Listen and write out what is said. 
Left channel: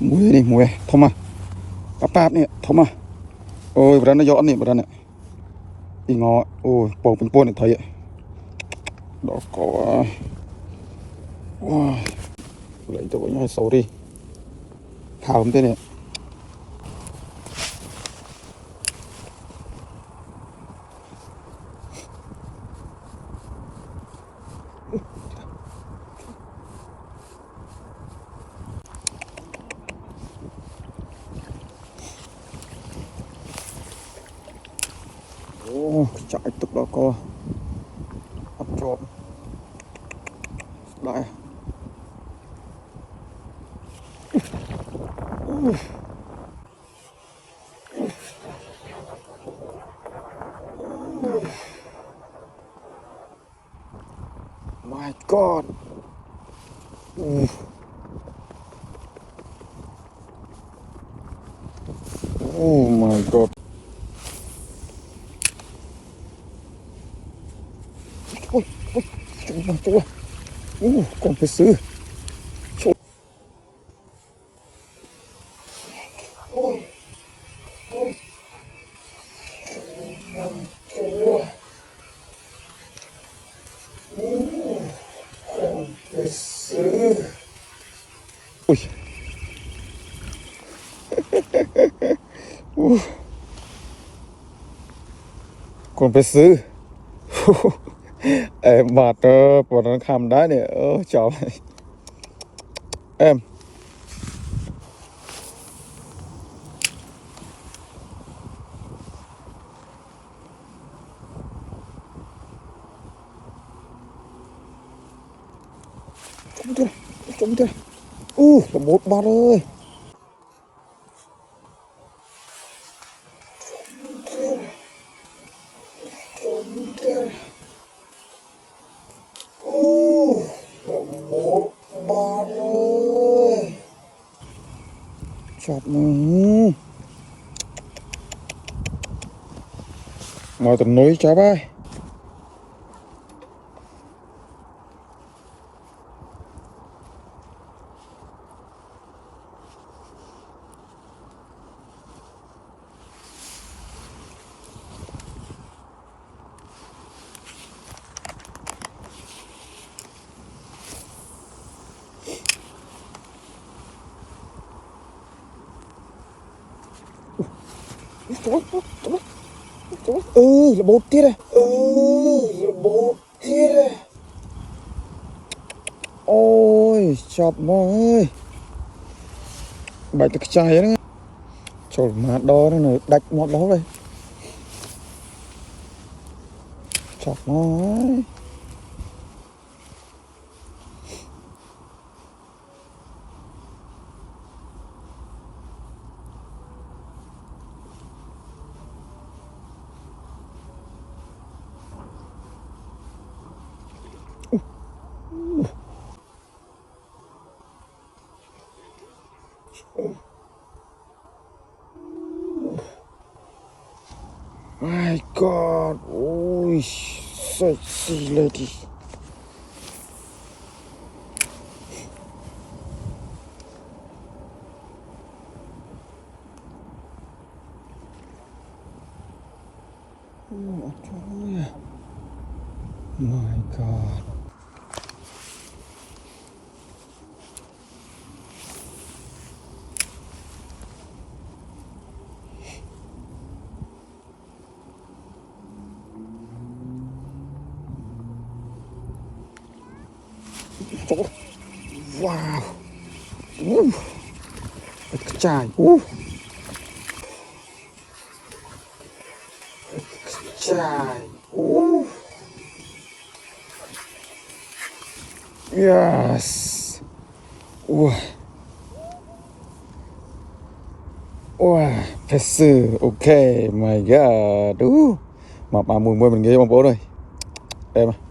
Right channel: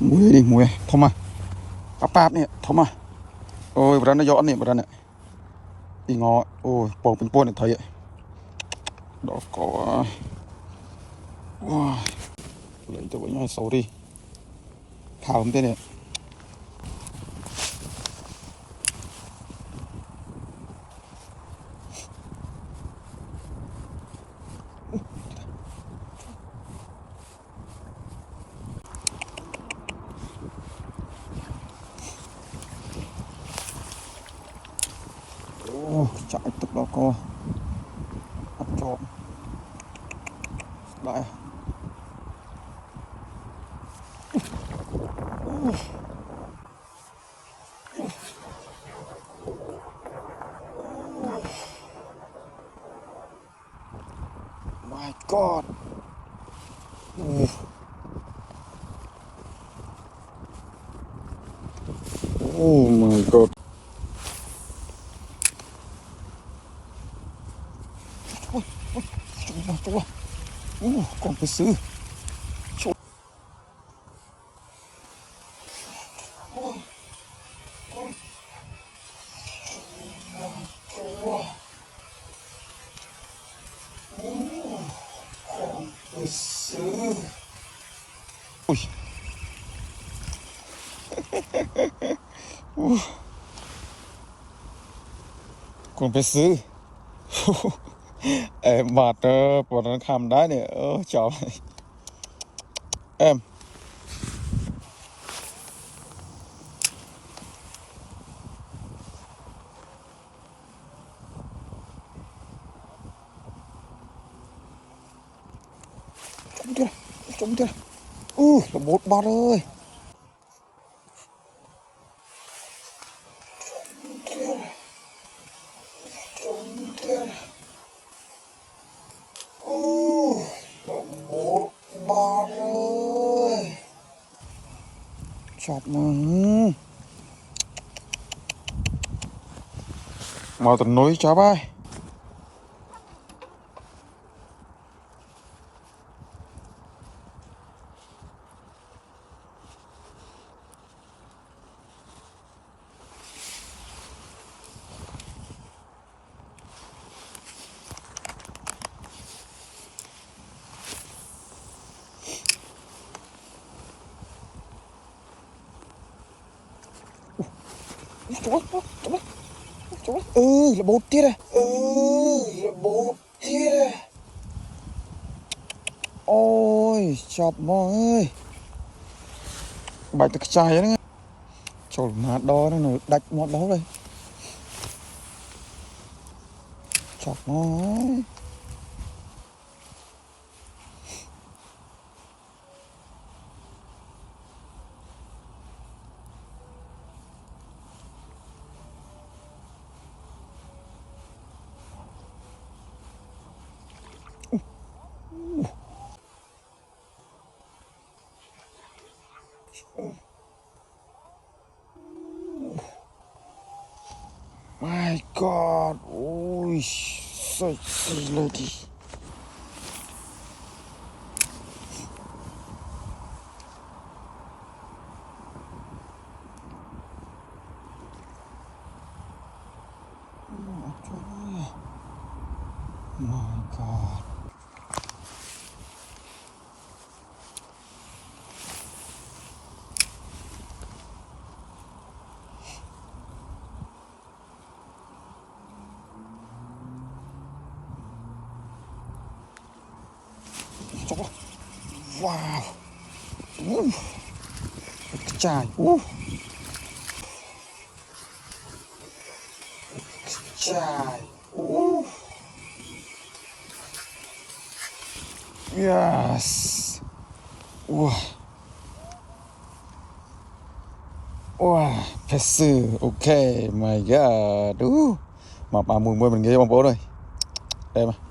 mùi đi mùi thơm à pap nè thơm à ôi bữa nó gió nè bữa này đi ngó ôi bầu bên buôn này thấy đó có wow. Lấy cho với nhau xấu đi thảo không thế này chạy tức đó co bắt trộm đại my god oh my god ôi chúa còn phải xử ui còn phải xử em bạt bọn nó khăm đá này chào em trông chưa là một bát ơi chọc mà tận núi chó bay chú là bột tiết này là bột tiết này ôi chọc mà ơi bài thực trai đó trời mà đo nó đạch một lỗ đây chọc nó ấy. My God, ôi sexy lady. My God. Wow. Trời. Trời. Yes. Wow. Wow, thật sự ok, my god. Mà mùi mùi mình nghe bông bố rồi. Em à.